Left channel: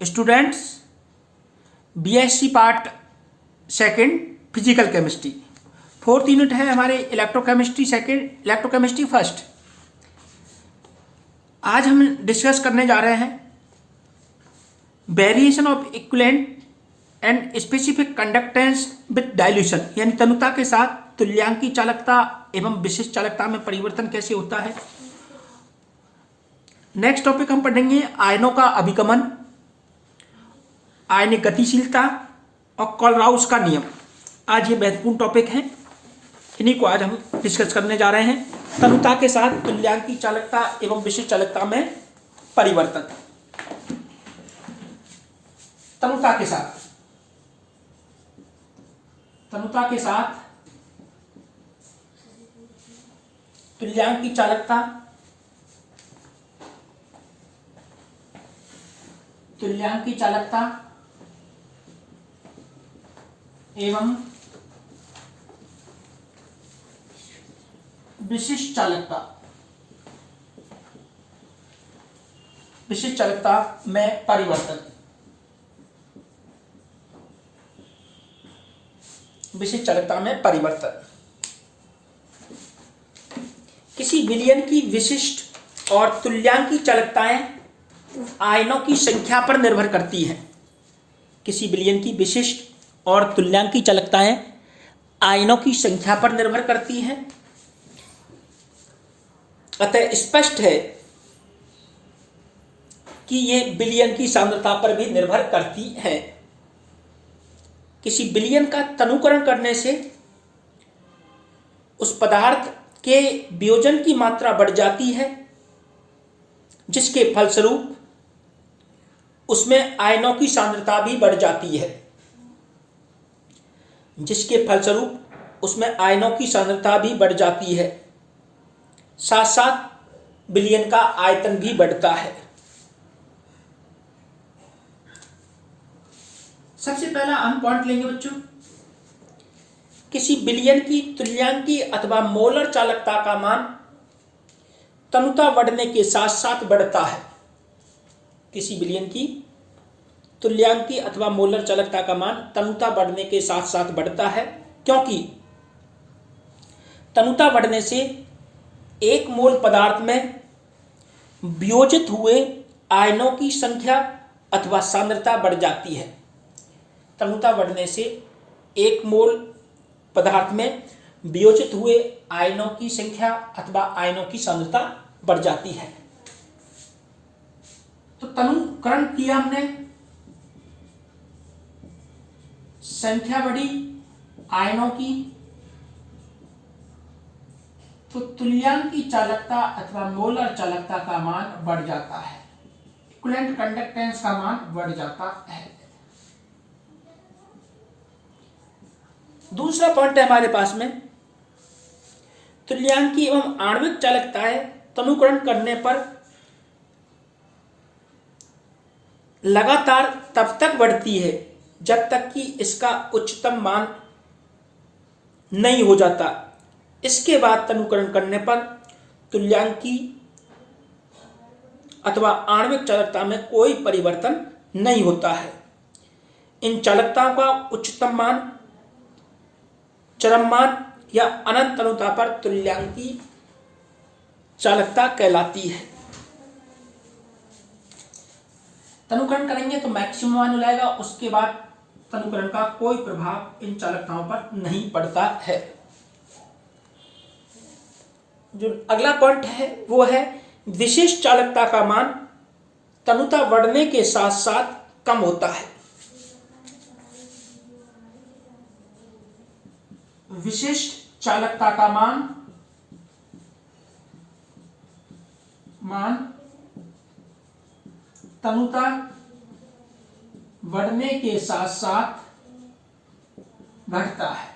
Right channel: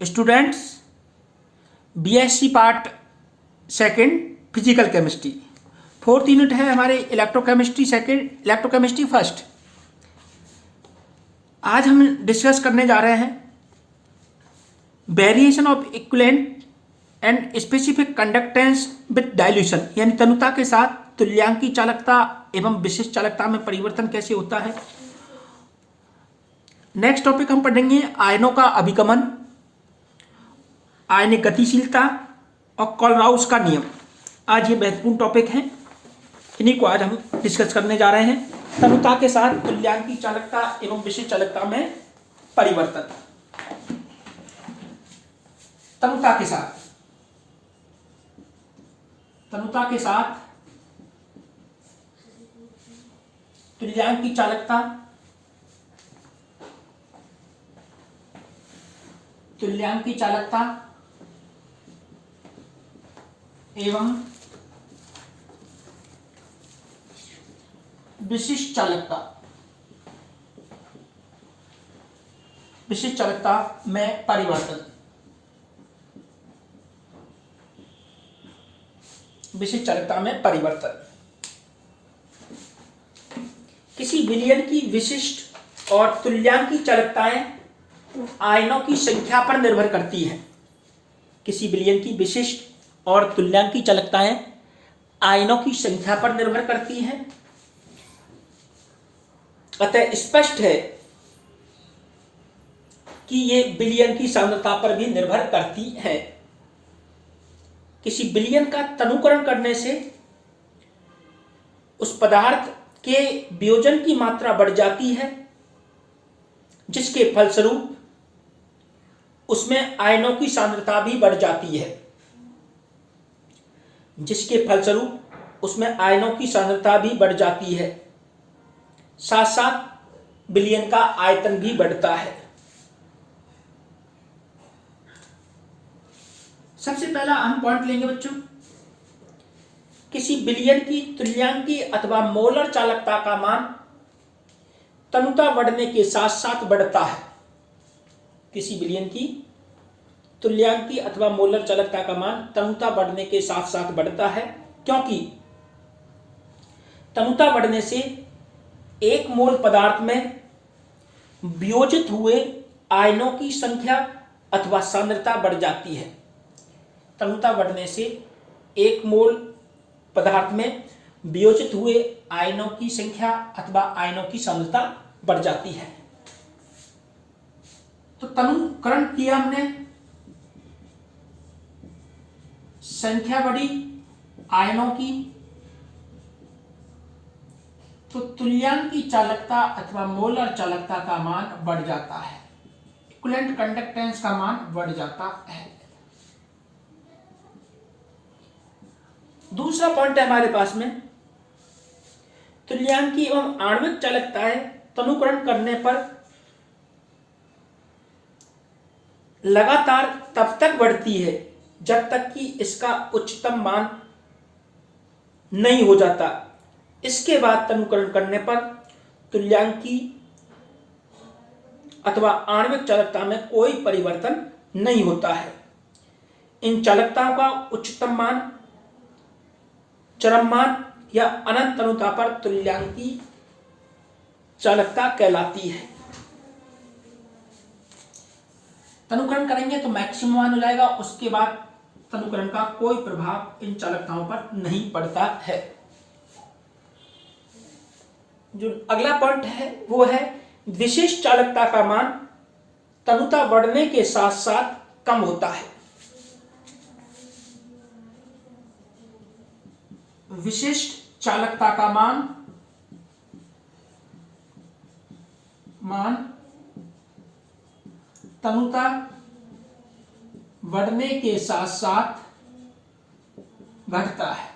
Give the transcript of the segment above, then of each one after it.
Students, BSc part second physical chemistry, fourth unit है हमारे electrochemistry second, electrochemistry first. आज हम डिस्कस करने जा रहे हैं variation of equivalent and specific conductance with dilution, यानी तनुता के साथ तुल्यांकी चालकता एवं विशिष्ट चालकता में परिवर्तन कैसे होता है। नेक्स्ट टॉपिक हम पढ़ेंगे आयनों का अभिगमन, आयनिक गतिशीलता और कोलराउस का नियम। आज ये महत्वपूर्ण टॉपिक हैं, इन्हीं को आज हम डिस्कस करने जा रहे हैं। तनुता के साथ तुल्यांकी चालकता एवं विशिष्ट चालकता में परिवर्तन। तनुता के साथ तुल्यांकी चालकता एवं विशिष्ट चालकता में परिवर्तन। विशिष्ट चालकता में परिवर्तन किसी विलयन की विशिष्ट और तुल्यांकी चालकताएं आयनों की संख्या पर निर्भर करती है। किसी विलयन की विशिष्ट और तुल्यांकी चालकताएं आयनों की संख्या पर निर्भर करती हैं। अतः स्पष्ट है कि ये विलयन की सांद्रता पर भी निर्भर करती है। किसी विलयन का तनुकरण करने से उस पदार्थ के वियोजन की मात्रा बढ़ जाती है, जिसके फलस्वरूप उसमें आयनों की सांद्रता भी बढ़ जाती है। साथ साथ विलयन का आयतन भी बढ़ता है। सबसे पहला हम पॉइंट लेंगे बच्चों, किसी विलयन की तुल्यांकी अथवा मोलर चालकता का मान तनुता बढ़ने के साथ साथ बढ़ता है। किसी विलयन की तुल्यांकी अथवा मोलर चालकता का मान तनुता बढ़ने के साथ साथ बढ़ता है, क्योंकि तनुता बढ़ने से एक मोल पदार्थ में वियोजित हुए आयनों की संख्या अथवा सांद्रता बढ़ जाती है। तनुता बढ़ने से एक मोल पदार्थ में वियोजित हुए आयनों की संख्या अथवा आयनों की सांद्रता बढ़ जाती है। तो तनुकरण किया हमने, संख्या बढ़ी आयनों की, तो तुल्यांकी चालकता अथवा मोलर चालकता का मान बढ़ जाता है। इक्विवेलेंट कंडक्टेंस का मान बढ़ जाता है। दूसरा पॉइंट है हमारे पास में, तुल्यांकी एवं आणविक चालकताएं तनुकरण करने पर लगातार तब तक बढ़ती है जब तक कि इसका उच्चतम मान नहीं हो जाता। इसके बाद तनुकरण करने पर तुल्यांकी अथवा आणविक चालकता में कोई परिवर्तन नहीं होता है। इन चालकताओं का उच्चतम मान, चरम मान या अनंत तनुता पर तुल्यांकी चालकता कहलाती है। तनुकरण करेंगे तो मैक्सिमम मान हो जाएगा, उसके बाद तनुकरण का कोई प्रभाव इन चालकताओं पर नहीं पड़ता है। जो अगला पॉइंट है वो है विशिष्ट चालकता का मान तनुता बढ़ने के साथ साथ कम होता है। विशिष्ट चालकता का मान तनुता बढ़ने के साथ साथ घटता है,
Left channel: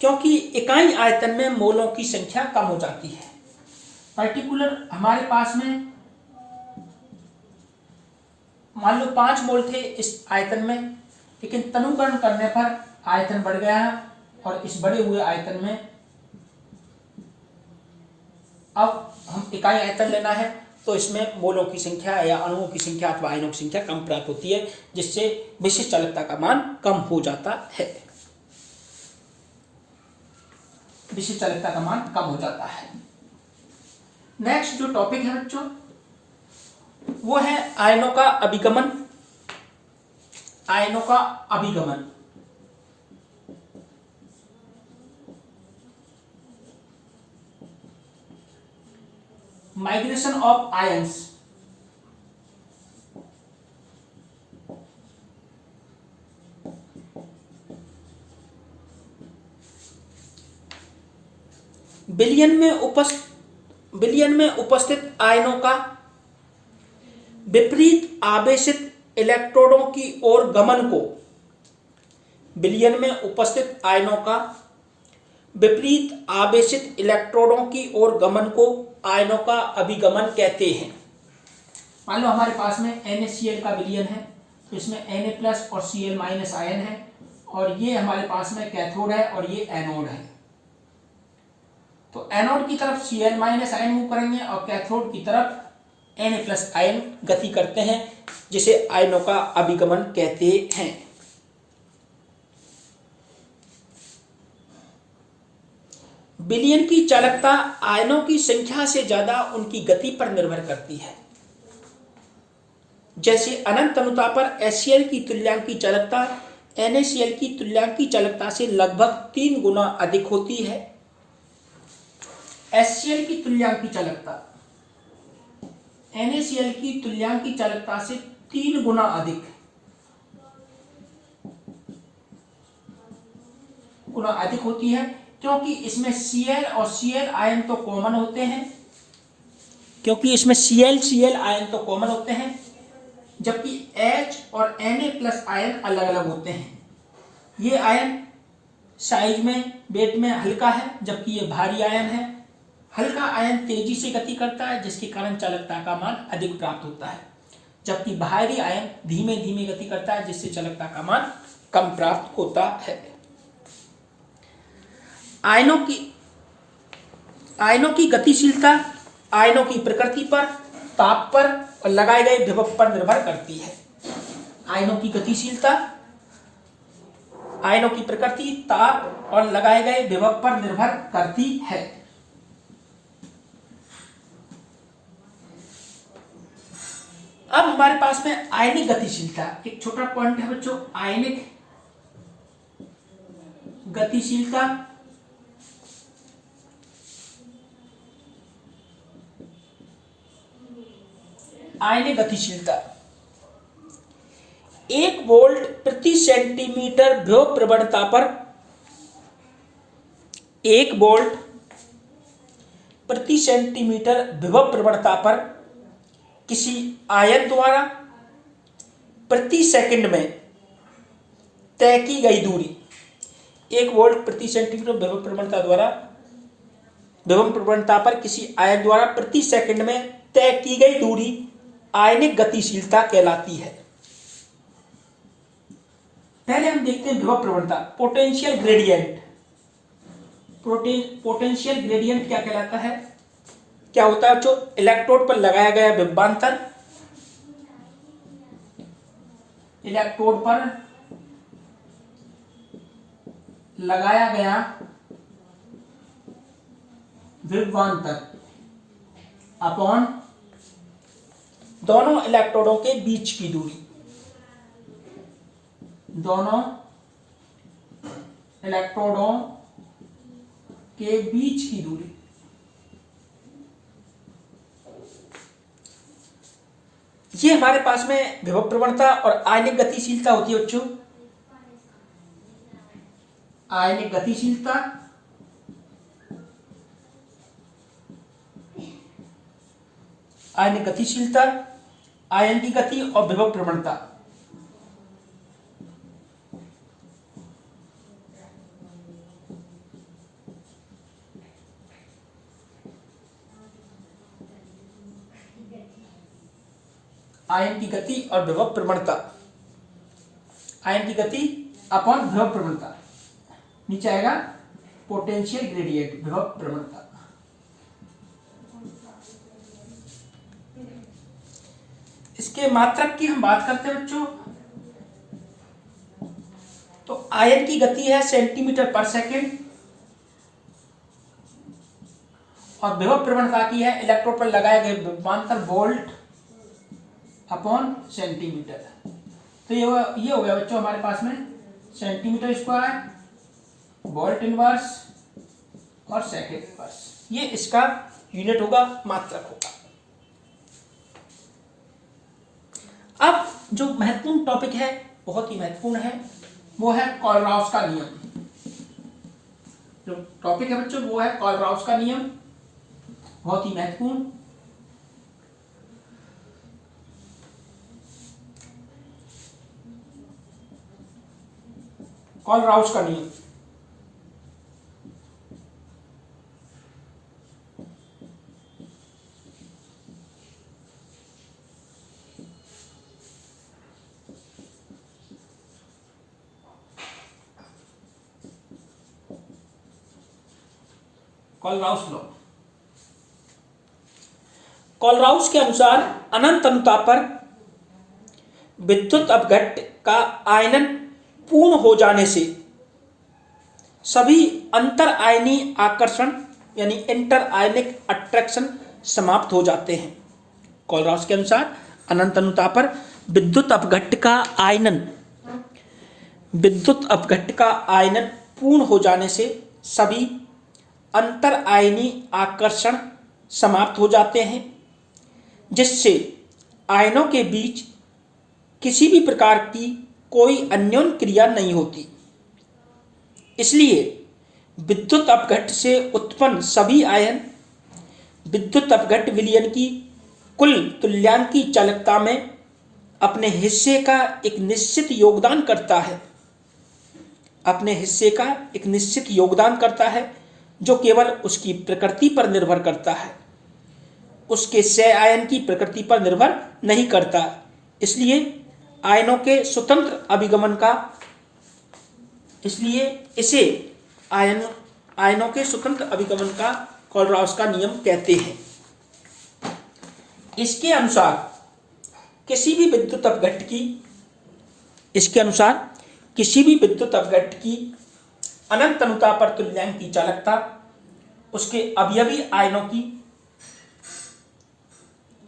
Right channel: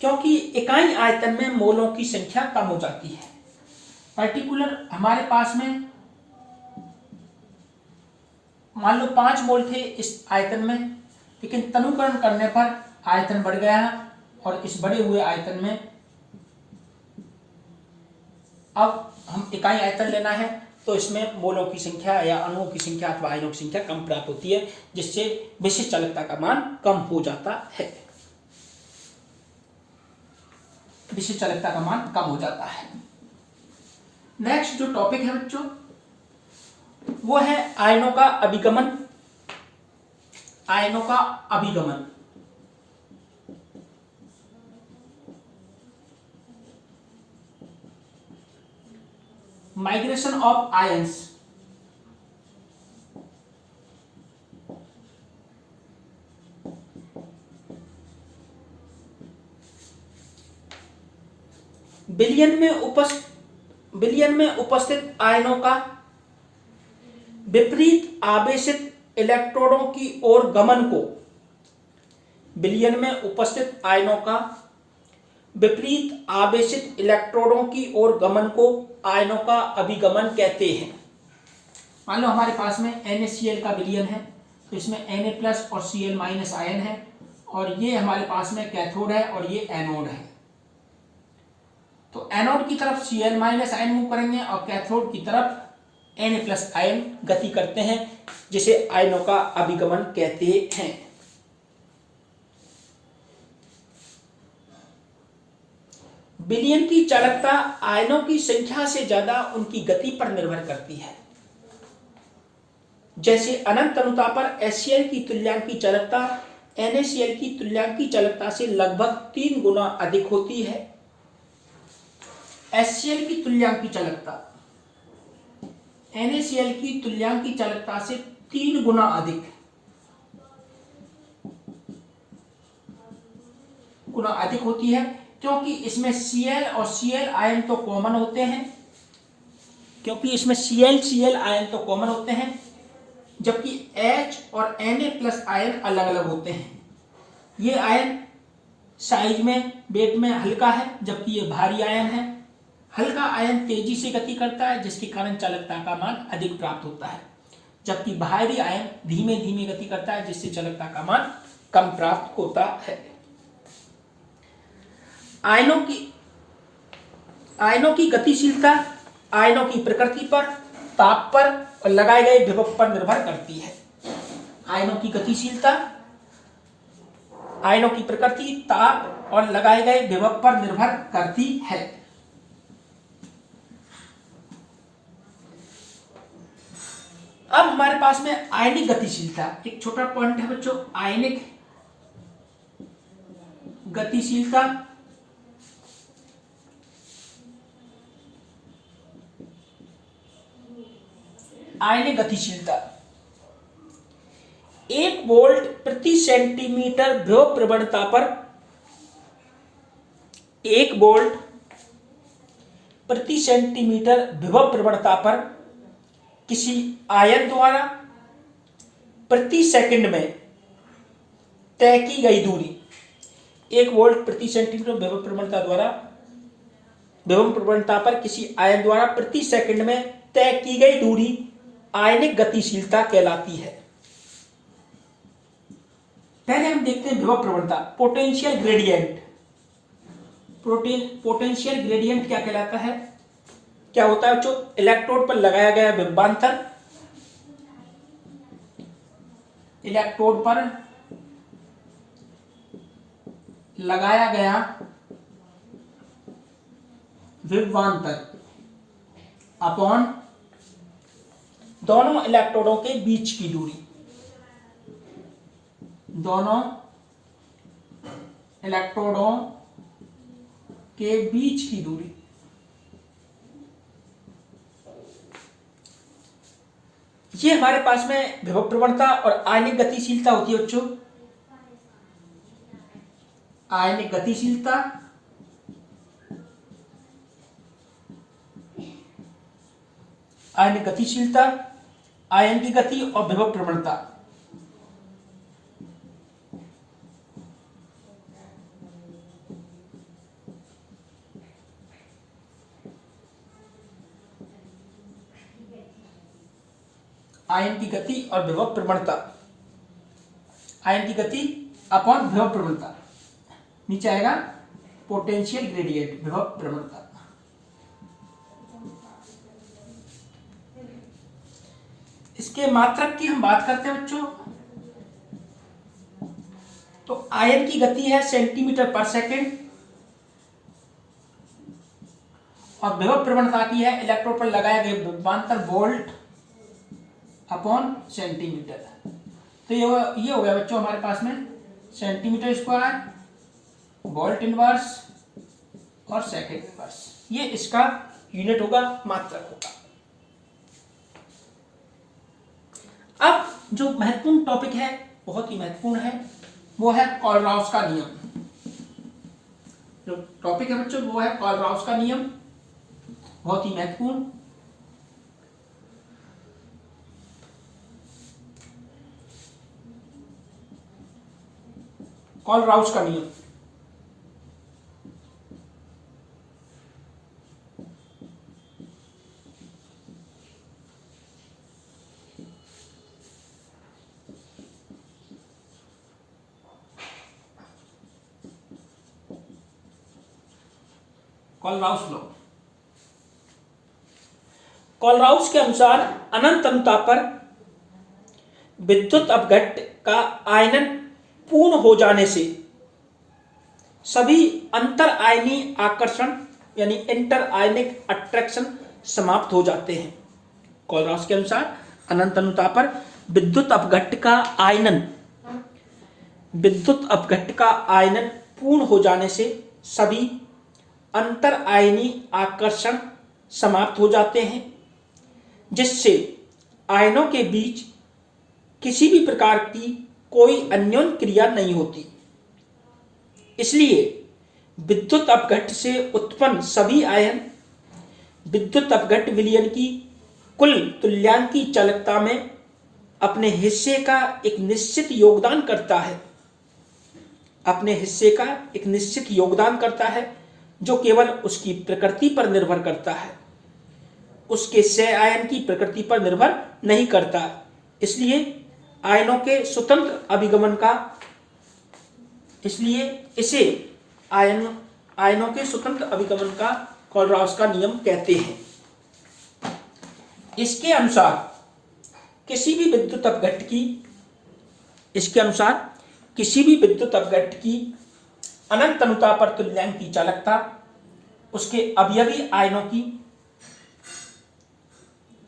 क्योंकि इकाई आयतन में मोलों की संख्या कम हो जाती है। पर्टिकुलर हमारे पास में मान लो 5 मोल थे इस आयतन में, लेकिन तनुकरण करने पर आयतन बढ़ गया है और इस बढ़े हुए आयतन में अब हम इकाई आयतन लेना है तो इसमें मोलों की संख्या या अणुओं की संख्या अथवा आयनों की संख्या कम प्राप्त होती है, जिससे विशिष्ट चालकता का मान कम हो जाता है। विशिष्ट चालकता का मान कम हो जाता है। नेक्स्ट जो टॉपिक है बच्चों वो है आयनों का अभिगमन। आयनों का अभिगमन। Migration of ions. विलयन में उपस्थित आयनों का विपरीत आवेशित इलेक्ट्रोडों की ओर गमन को विलयन में उपस्थित आयनों का विपरीत आवेशित इलेक्ट्रोडों की ओर गमन को आयनों का अभिगमन कहते हैं। मान लो हमारे पास में NaCl का विलयन है, तो इसमें Na+ और Cl- आयन है, और ये हमारे पास में कैथोड है और ये एनोड है। तो एनोड की तरफ Cl- आयन मूव करेंगे और कैथोड की तरफ Na+ आयन गति करते हैं, जिसे आयनों का अभिगमन कहते हैं। विलयन की चालकता आयनों की संख्या से ज्यादा उनकी गति पर निर्भर करती है। जैसे अनंत अनुता पर HCl की तुल्यांकी चालकता NaCl की तुल्यांकी चालकता से लगभग 3 गुना अधिक होती है। HCl की तुल्यांकी चालकता NaCl की तुल्यांकी चालकता से 3 गुना अधिक होती है, क्योंकि इसमें Cl और Cl आयन तो कॉमन होते हैं, जबकि H और Na+ आयन अलग अलग होते हैं। ये आयन साइज में, वेट में हल्का है, जबकि ये भारी आयन है। हल्का आयन तेजी से गति करता है, जिसके कारण चालकता का मान अधिक प्राप्त होता है, जबकि भारी आयन धीमे धीमे गति करता है, जिससे चालकता का मान कम प्राप्त होता है। आयनों की गतिशीलता आयनों की प्रकृति पर, ताप पर और लगाए गए विभव पर निर्भर करती है। आयनों की गतिशीलता आयनों की प्रकृति, ताप और लगाए गए विभव पर निर्भर करती है। अब हमारे पास में आयनिक गतिशीलता, एक छोटा पॉइंट है बच्चों, आयनिक गतिशीलता। आयनिक गतिशीलता 1 वोल्ट प्रति सेंटीमीटर विभव प्रवणता पर 1 वोल्ट प्रति सेंटीमीटर विभव प्रवणता पर किसी आयन द्वारा प्रति सेकंड में तय की गई दूरी, 1 वोल्ट प्रति सेंटीमीटर विभव प्रवणता पर किसी आयन द्वारा प्रति सेकंड में तय की गई दूरी आयनिक गतिशीलता कहलाती है। पहले हम देखते हैं विभव प्रवणता, पोटेंशियल ग्रेडियंट। पोटेंशियल ग्रेडियंट क्या कहलाता है? क्या होता है जो इलेक्ट्रोड पर लगाया गया विभवांतर, इलेक्ट्रोड पर लगाया गया विभवांतर अपॉन दोनों इलेक्ट्रोडों के बीच की दूरी, दोनों इलेक्ट्रोडों के बीच की दूरी। ये हमारे पास में विभव प्रवणता और आयनिक गतिशीलता होती है बच्चों। आयनिक गतिशीलता आयन की गति और विभव प्रवणता। आयन की गति और विभव प्रवणता, आयन की गति अपॉन विभव प्रवणता, नीचे आएगा पोटेंशियल ग्रेडियंट, विभव प्रवणता। इसके मात्रक की हम बात करते हैं बच्चों, तो आयन की गति है सेंटीमीटर पर सेकेंड और विभव प्रवणता की है इलेक्ट्रोड पर लगाए गए विभवांतर वोल्ट अपॉन सेंटीमीटर। तो ये हो गया बच्चों हमारे पास में सेंटीमीटर स्क्वायर, वोल्ट इनवर्स और सेकेंड इनवर्स, ये इसका यूनिट होगा, मात्रक होगा। अब जो महत्वपूर्ण टॉपिक है, बहुत ही महत्वपूर्ण है, वो है कोलराउस का नियम। जो टॉपिक है बच्चों वो है कोलराउस का नियम, बहुत ही महत्वपूर्ण। कोलराउस का नियम, कोलराउस लॉ। कोलराउस के अनुसार अनंत अनुताप पर विद्युत अपघट्ट का आयनन पूर्ण हो जाने से सभी अंतर आयनी आकर्षण यानी इंटर आयनिक अट्रैक्शन समाप्त हो जाते हैं। कोलराउस के अनुसार अनंत अनुताप पर विद्युत अपघट्ट का आयनन पूर्ण हो जाने से सभी अंतर आयनी आकर्षण समाप्त हो जाते हैं, जिससे आयनों के बीच किसी भी प्रकार की कोई अन्योन्य क्रिया नहीं होती। इसलिए विद्युत अपघट्ट से उत्पन्न सभी आयन विद्युत अपघट्ट विलयन की कुल तुल्यांकी चालकता में अपने हिस्से का एक निश्चित योगदान करता है, जो केवल उसकी प्रकृति पर निर्भर करता है, उसके सह आयन की प्रकृति पर निर्भर नहीं करता। इसलिए आयनों के स्वतंत्र अभिगमन का कोलराउस का नियम कहते हैं। इसके अनुसार किसी भी विद्युत अपघट्ट की अनंत अनुताप पर तुल्यांकी चालकता उसके अवयवी आयनों की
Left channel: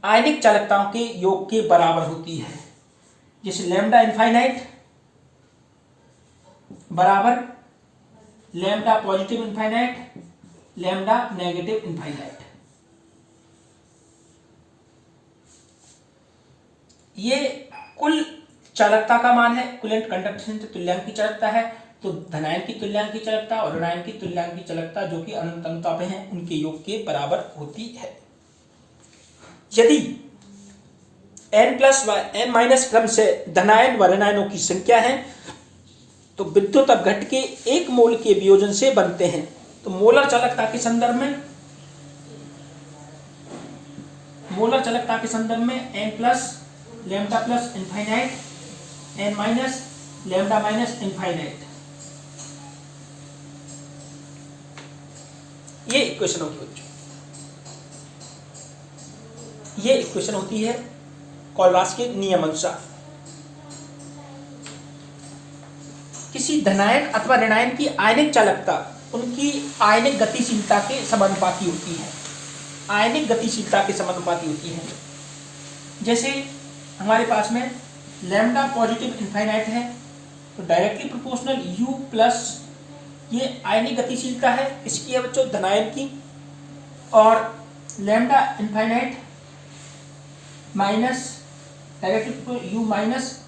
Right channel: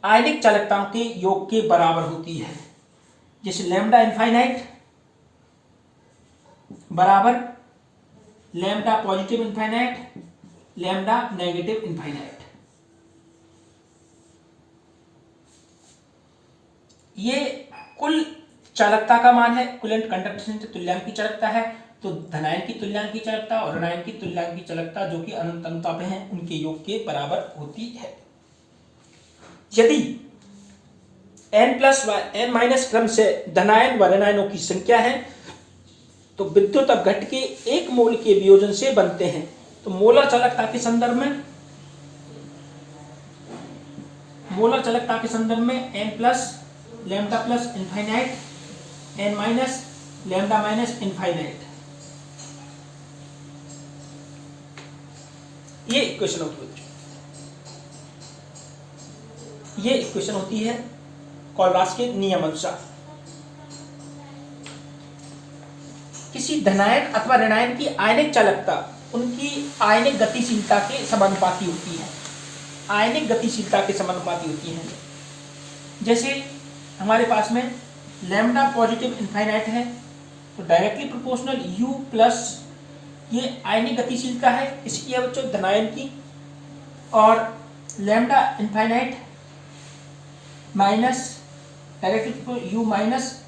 आयनिक चालकताओं के योग के बराबर होती है, जैसे लैम्डा इनफाइनाइट बराबर lambda positive infinite, lambda negative infinite. ये कुल चालकता का मान है, कुलेंट कंडक्शन से तुल्यांकी चालकता है। तो धनायन की तुल्यांकी चालकता और ऋणायन की तुल्यांकी चालकता जो कि अनंत अनुताप हैं उनके योग के बराबर होती है। यदि n+n- क्रम से धनायन व ऋणायनों की संख्या है तो विद्युत अपघट्ट के एक मोल के वियोजन से बनते हैं। तो मोलर चालकता के संदर्भ में n plus lambda plus infinite n minus lambda minus infinite, ये इक्वेशन होती है कोलराउस के नियम अनुसार। किसी धनायन अथवा ऋणायन की आयनिक चालकता उनकी आयनिक गतिशीलता के समानुपाती होती है। जैसे हमारे पास में लैम्डा पॉजिटिव इनफाइनाइट है तो डायरेक्टली प्रोपोर्शनल U प्लस ये आयनिक गतिशीलता है इसकी है बच्चों धनायन की, और lambda infinite minus directly U minus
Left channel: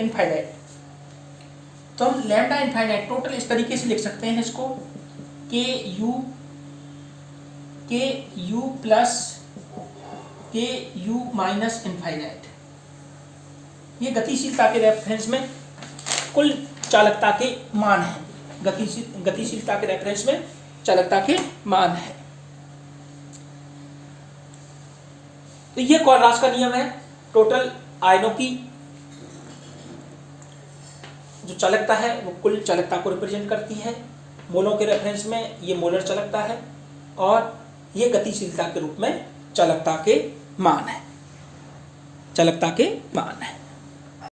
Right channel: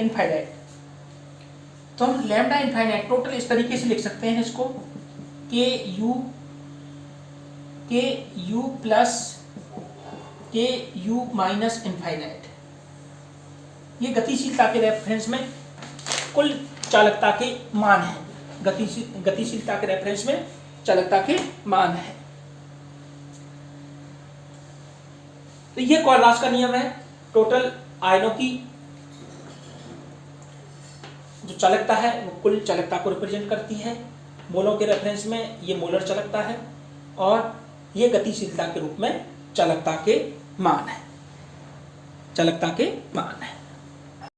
infinite. तो हम लैम्डा इनफाइनाइट टोटल इस तरीके से लिख सकते हैं इसको के यू प्लस के यू माइनस इनफाइनाइट। ये गतिशीलता के रेफरेंस में कुल चालकता के मान है, गतिशीलता के रेफरेंस में चालकता के मान है। तो ये कोलराउस का नियम है, टोटल आयनों की जो चालकता है वो कुल चालकता को रिप्रेजेंट करती है। मोलों के रेफरेंस में ये मोलर चालकता है और ये गतिशीलता के रूप में चालकता के मान है। चालकता के मान है।